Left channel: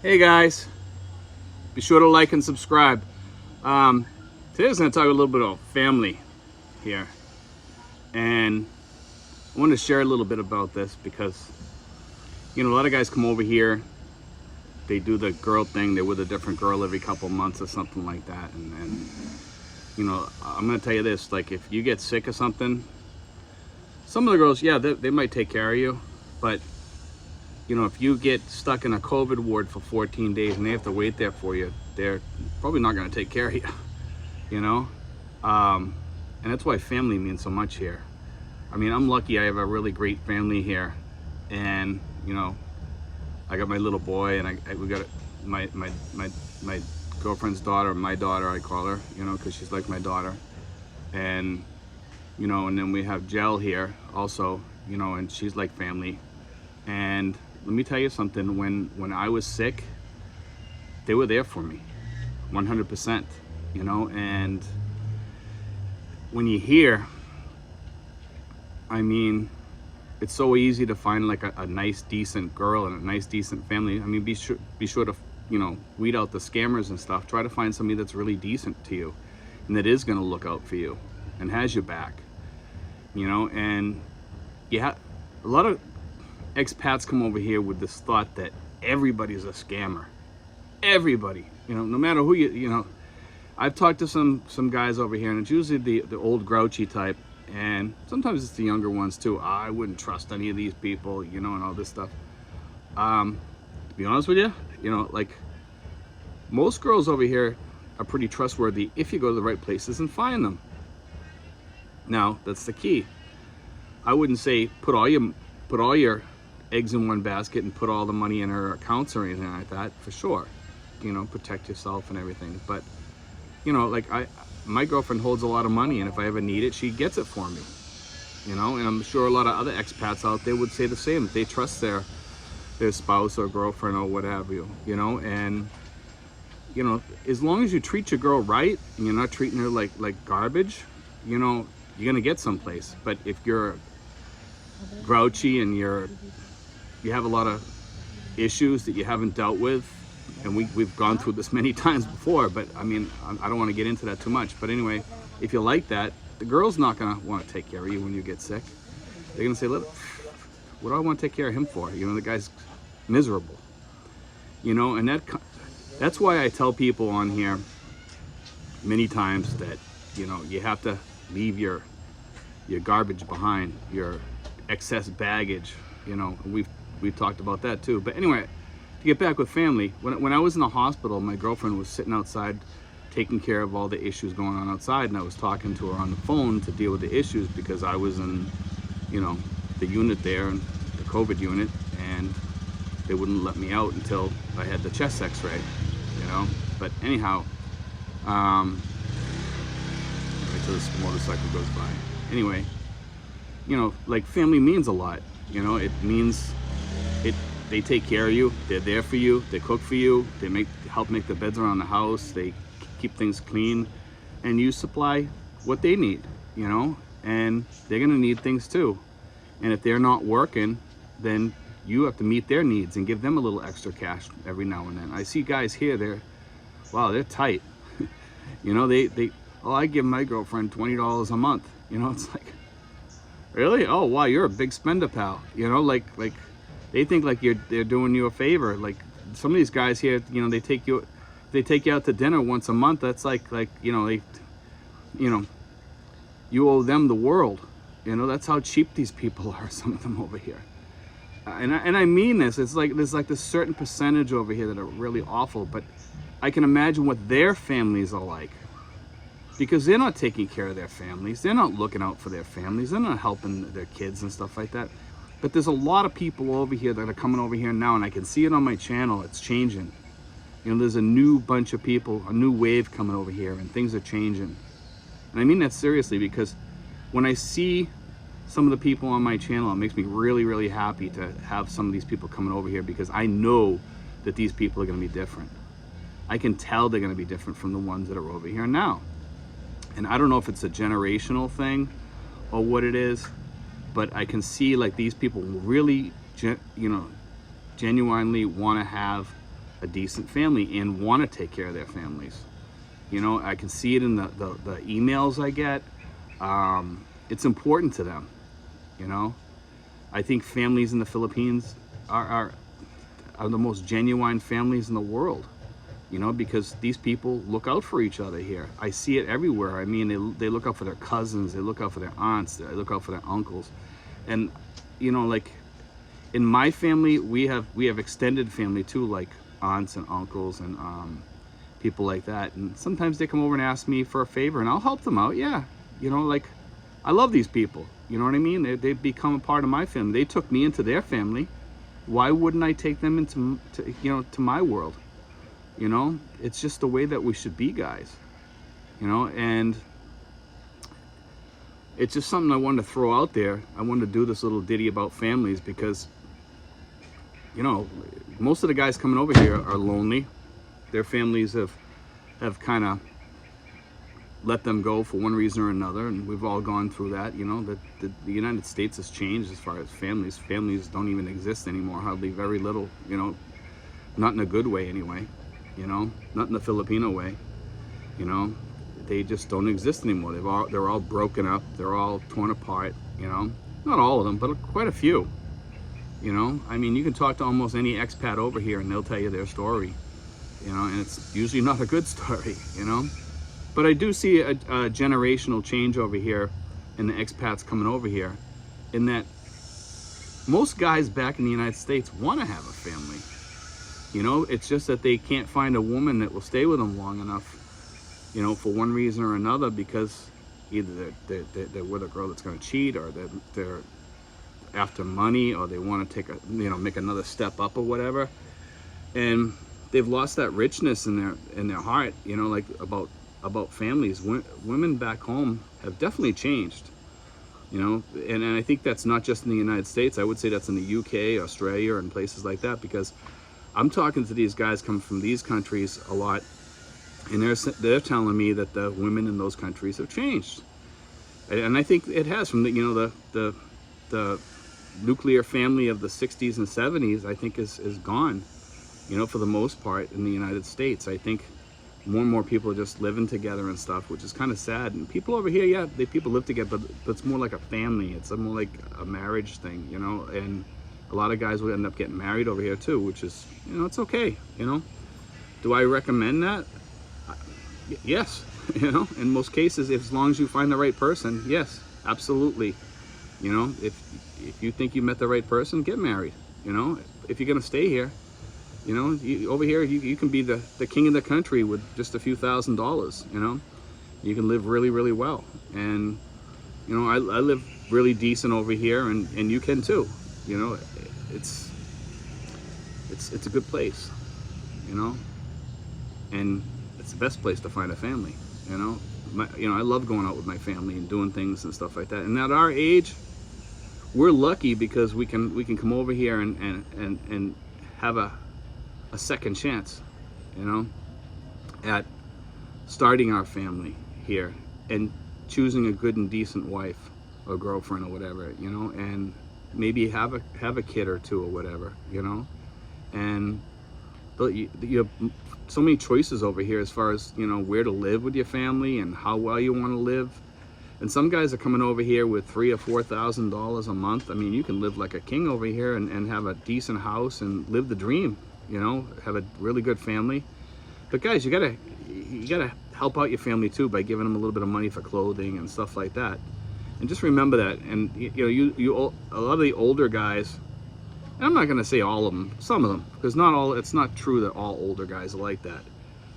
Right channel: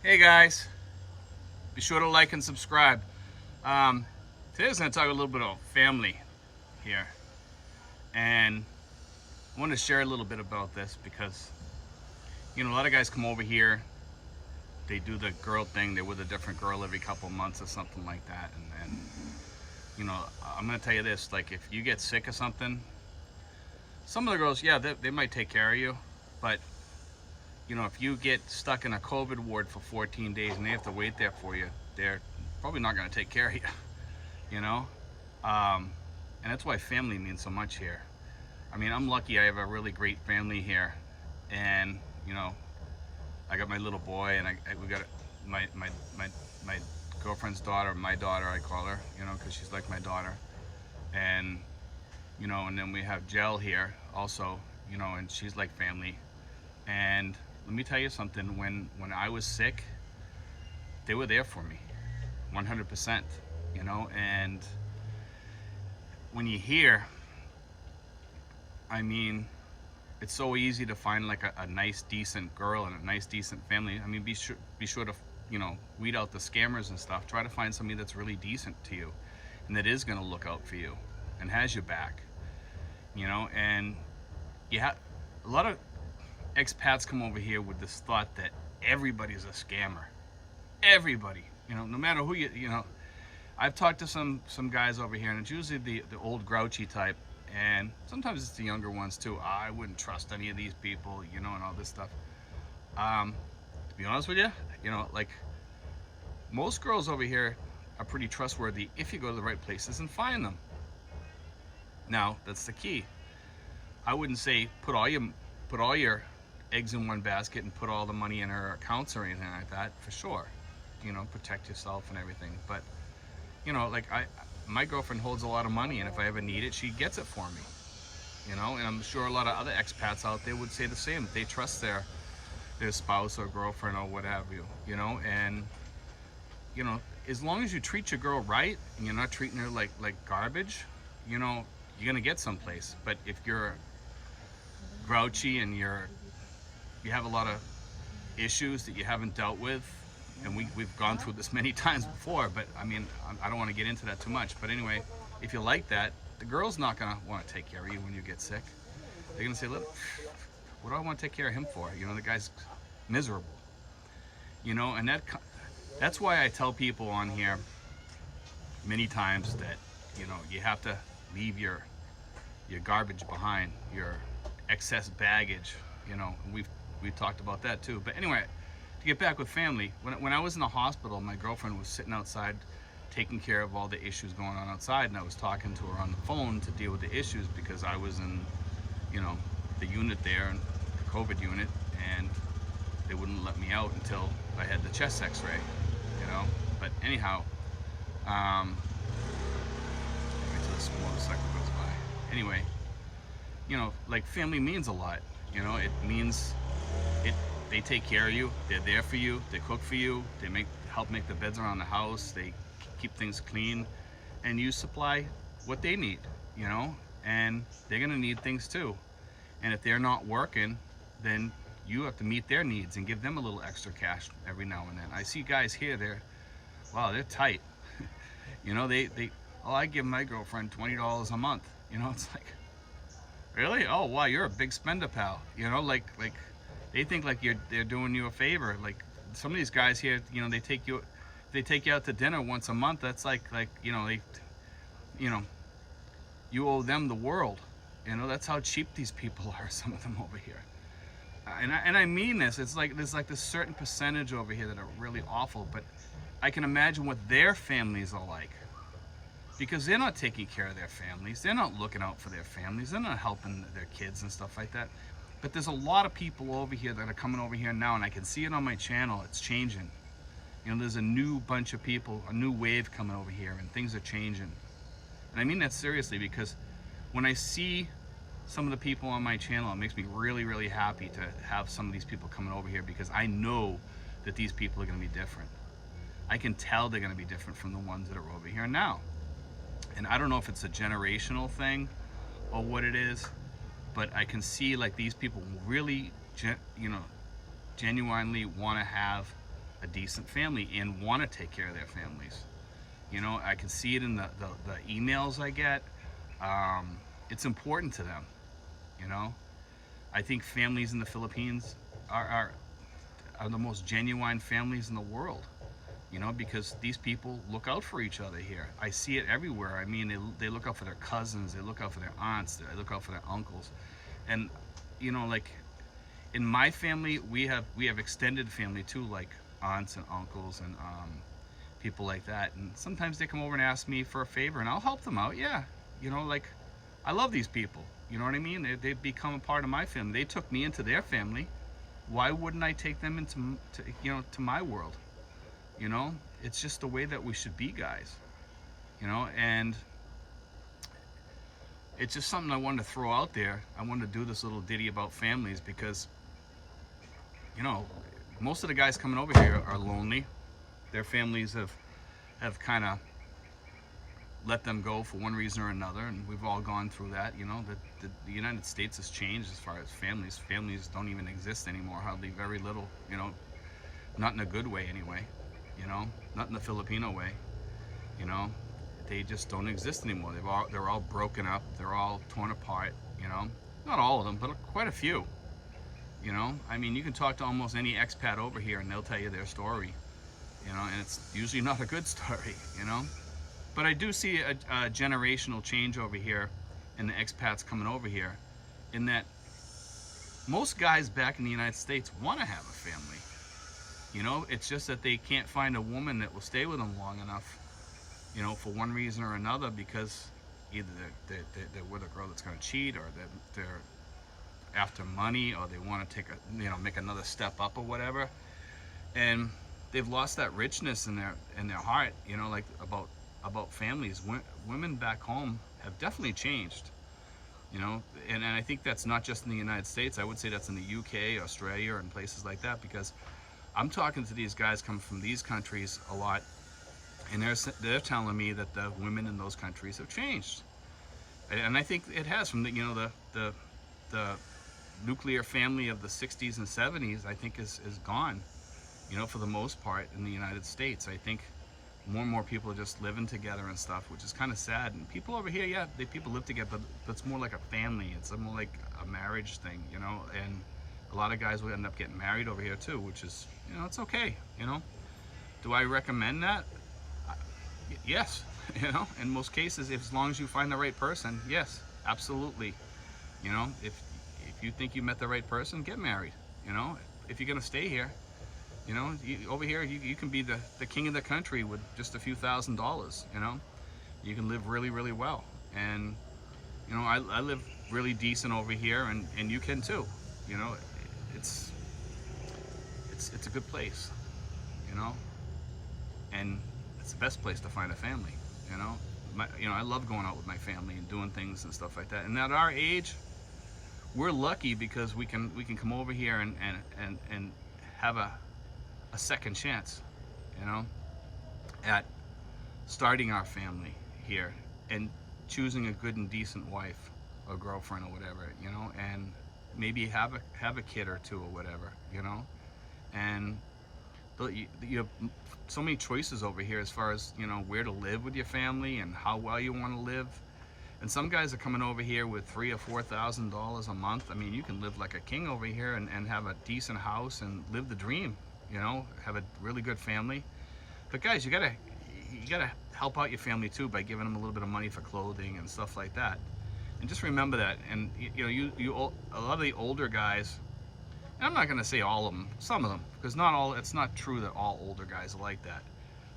Hey guys, be sure to like and subscribe. Today I was going to talk a little bit about family here, and I wanted to share a little bit about this because a lot of guys come over here, they do the girl thing, they're with a different girl every couple months or something like that, and I'm going to tell you this, like if you get sick or something, some of the girls, yeah, they might take care of you, but if you get stuck in a COVID ward for 14 days and they have to wait there for you, they're probably not going to take care of you, you know? And that's why family means so much here. I mean, I'm lucky I have a really great family here. And, I got my little boy, and we got my girlfriend's daughter, my daughter, I call her, because she's like my daughter. And, and then we have Jel here also, and she's like family. And let me tell you something, when I was sick, they were there for me 100%, and when you hear, I mean, it's so easy to find like a nice decent girl and a nice decent family. I mean, be sure to weed out the scammers and stuff. Try to find somebody that's really decent to you and that is going to look out for you and has your back, and a lot of expats come over here with this thought that everybody's a scammer. Everybody, no matter who I've talked to some guys over here, and it's usually the old grouchy type, and sometimes it's the younger ones too. I wouldn't trust any of these people, and all this stuff. To be honest with you, like most girls over here are pretty trustworthy if you go to the right places and find them. Now, that's the key. I wouldn't say put all your eggs in one basket and put all the money in her accounts or anything like that, for sure. Protect yourself and everything. But like my girlfriend holds a lot of money, and if I ever need it, she gets it for me. And I'm sure a lot of other expats out there would say the same. They trust their spouse or girlfriend or what have you, and as long as you treat your girl right and you're not treating her like garbage, you're gonna get someplace. But if you're grouchy and you have a lot of issues that you haven't dealt with, and we've gone through this many times before, but I mean, I don't want to get into that too much. But anyway, if you like that, the girl's not going to want to take care of you when you get sick. They're going to say, look, what do I want to take care of him for? The guy's miserable. And that's why I tell people on here many times that, you have to leave your garbage behind, your excess baggage, and we've talked about that too. But anyway, to get back with family, when I was in the hospital, my girlfriend was sitting outside taking care of all the issues going on outside, and I was talking to her on the phone to deal with the issues because I was in, the unit there, and the COVID unit, and they wouldn't let me out until I had the chest x-ray, But anyhow, wait till this motorcycle goes by. Anyway, like family means a lot, it means they take care of you, they're there for you, they cook for you, they help make the beds around the house, they keep things clean, and you supply what they need, and they're gonna need things too. And if they're not working, then you have to meet their needs and give them a little extra cash every now and then. I see guys here, they're tight. I give my girlfriend $20 a month. It's like, really? Oh wow, you're a big spender, pal. Like they think like they're doing you a favor. Like some of these guys here, they take you out to dinner once a month. That's like you owe them the world. That's how cheap these people are. Some of them over here, and I mean this. It's like there's like this certain percentage over here that are really awful. But I can imagine what their families are like, because they're not taking care of their families. They're not looking out for their families. They're not helping their kids and stuff like that. But there's a lot of people over here that are coming over here now, and I can see it on my channel. It's changing. There's a new bunch of people, a new wave coming over here, and things are changing. And I mean that seriously, because when I see some of the people on my channel, it makes me really, really happy to have some of these people coming over here, because I know that these people are going to be different. I can tell they're going to be different from the ones that are over here now. And I don't know if it's a generational thing or what it is, but I can see like these people really, genuinely want to have a decent family and want to take care of their families. You know, I can see it in the emails I get. It's important to them, you know. I think families in the Philippines are the most genuine families in the world, you know, because these people look out for each other here. I see it everywhere. I mean, they look out for their cousins, they look out for their aunts, they look out for their uncles. And, you know, like in my family, we have extended family too, like aunts and uncles and people like that. And sometimes they come over and ask me for a favor and I'll help them out. Yeah, you know, like I love these people. You know what I mean? They've become a part of my family. They took me into their family. Why wouldn't I take them into to my world? You know, it's just the way that we should be, guys. You know, and it's just something I wanted to throw out there. I wanted to do this little ditty about families because, you know, most of the guys coming over here are lonely. Their families have kind of let them go for one reason or another, and we've all gone through that. You know, that the United States has changed as far as families. Families don't even exist anymore, hardly, very little, you know, not in a good way anyway, you know, not in the Filipino way, you know, they just don't exist anymore. They're all broken up, they're all torn apart, you know, not all of them, but quite a few, you know. I mean, you can talk to almost any expat over here and they'll tell you their story, you know, and it's usually not a good story, you know. But I do see a generational change over here in the expats coming over here, in that most guys back in the United States want to have a family. You know, it's just that they can't find a woman that will stay with them long enough, you know, for one reason or another, because either they're with a girl that's going to cheat, or they're after money, or they want to take make another step up or whatever, and they've lost that richness in their heart, you know, like about families. Women back home have definitely changed, you know, and I think that's not just in the United States. I would say that's in the UK, Australia, and places like that, because I'm talking to these guys coming from these countries a lot, and they're telling me that the women in those countries have changed, and I think it has. From the nuclear family of the 60s and 70s, I think is gone, you know, for the most part in the United States. I think more and more people are just living together and stuff, which is kind of sad. And people over here, yeah, people live together, but it's more like a family. It's more like a marriage thing, you know. And a lot of guys will end up getting married over here too, which is, you know, it's okay, you know. Do I recommend that? Yes, you know, in most cases, as long as you find the right person, yes, absolutely. You know, if you think you met the right person, get married. You know, if you're gonna stay here, you know, over here you can be the king of the country with just a few $1,000s. You know, you can live really, really well. And you know, I live really decent over here, and you can too. You know, it's a good place, you know, and it's the best place to find a family. You know, I love going out with my family and doing things and stuff like that. And at our age, we're lucky because we can come over here and have a second chance, you know, at starting our family here and choosing a good and decent wife or girlfriend or whatever, you know, and maybe have a kid or two or whatever, you know. And you have so many choices over here as far as, you know, where to live with your family and how well you want to live. And some guys are coming over here with $3,000 or $4,000 a month. I mean, you can live like a king over here and have a decent house and live the dream, you know, have a really good family. But guys, you gotta help out your family too by giving them a little bit of money for clothing and stuff like that. And just remember that. And you know, a lot of the older guys, and I'm not gonna say all of them, some of them, because it's not true that all older guys are like that.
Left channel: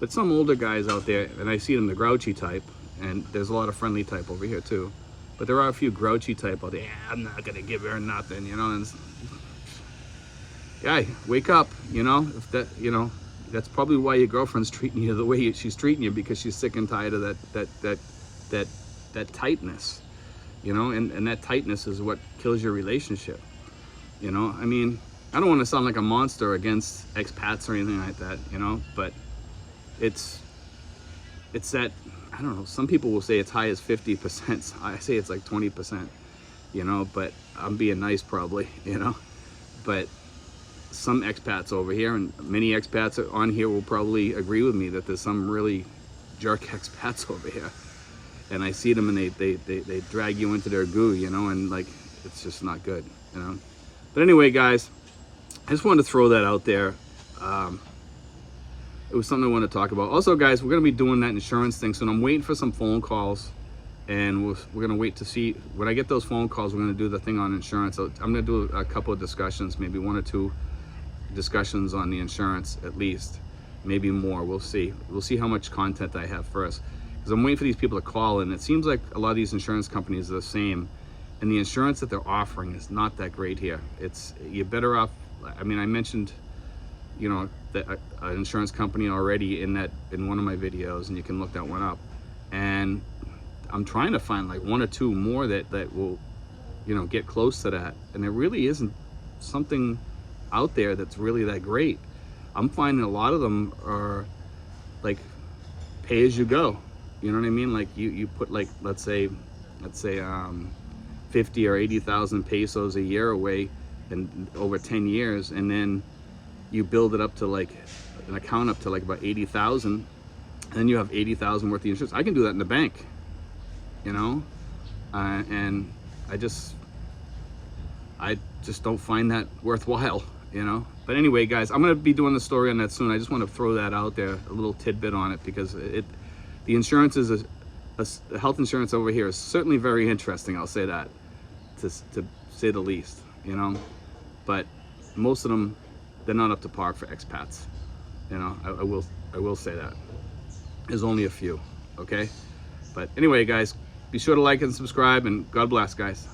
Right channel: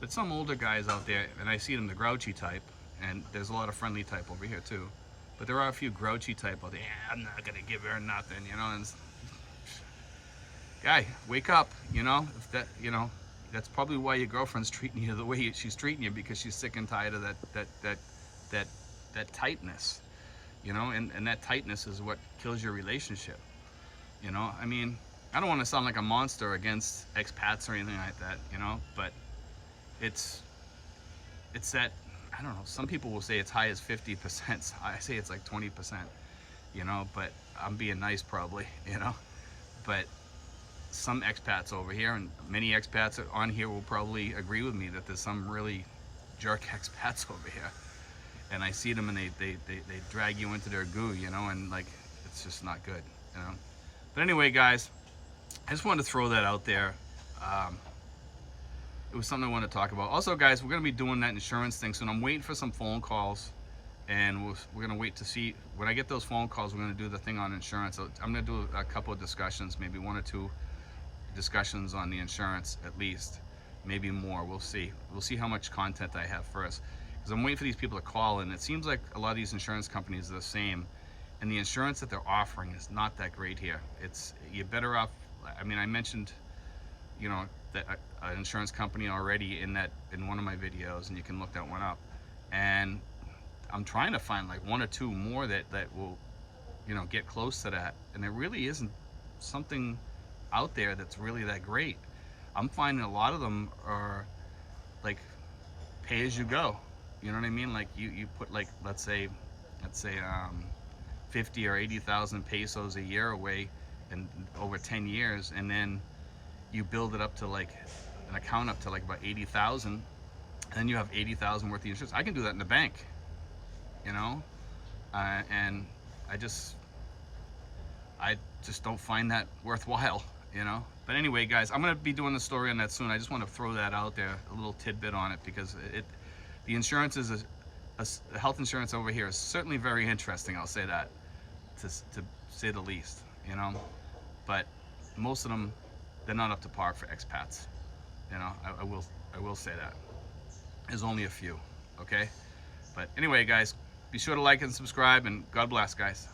But some older guys out there, and I see them, the grouchy type, and there's a lot of friendly type over here too, but there are a few grouchy type out there. Yeah, I'm not gonna give her nothing, you know. And guy, wake up, you know. If that, you know, that's probably why your girlfriend's treating you the way she's treating you, because she's sick and tired of that tightness, you know. And that tightness is what kills your relationship, you know. I mean, I don't want to sound like a monster against expats or anything like that, you know, but it's that, I don't know, some people will say it's high as 50%. I say it's like 20%, you know, but I'm being nice probably, you know. But some expats over here, and many expats on here will probably agree with me that there's some really jerk expats over here, and I see them and they drag you into their goo, you know, and like it's just not good, you know. But anyway, guys, I just wanted to throw that out there. It was something I wanted to talk about. Also, guys, we're gonna be doing that insurance thing soon. I'm waiting for some phone calls, and we're gonna wait to see when I get those phone calls. We're gonna do the thing on insurance. So I'm gonna do a couple of discussions, maybe 1 or 2 discussions on the insurance at least, maybe more. We'll see. We'll see how much content I have first, because I'm waiting for these people to call, and it seems like a lot of these insurance companies are the same, and the insurance that they're offering is not that great here. You're better off. I mean, I mentioned, you know, an insurance company already in one of my videos, and you can look that one up. And I'm trying to find like 1 or 2 more that will, you know, get close to that. And there really isn't something out there that's really that great. I'm finding a lot of them are like pay as you go. You know what I mean? Like you put like, let's say 50 or 80,000 pesos a year away and over 10 years, and then you build it up to like an account up to like about 80,000, and then you have 80,000 worth of insurance. I can do that in the bank, you know, and I just don't find that worthwhile, you know. But anyway, guys, I'm gonna be doing the story on that soon. I just want to throw that out there, a little tidbit on it, because the insurance is the health insurance over here is certainly very interesting. I'll say that, to say the least, you know. But most of them, they're not up to par for expats, you know. I will say that. There's only a few, okay? But anyway, guys, be sure to like and subscribe, and God bless, guys.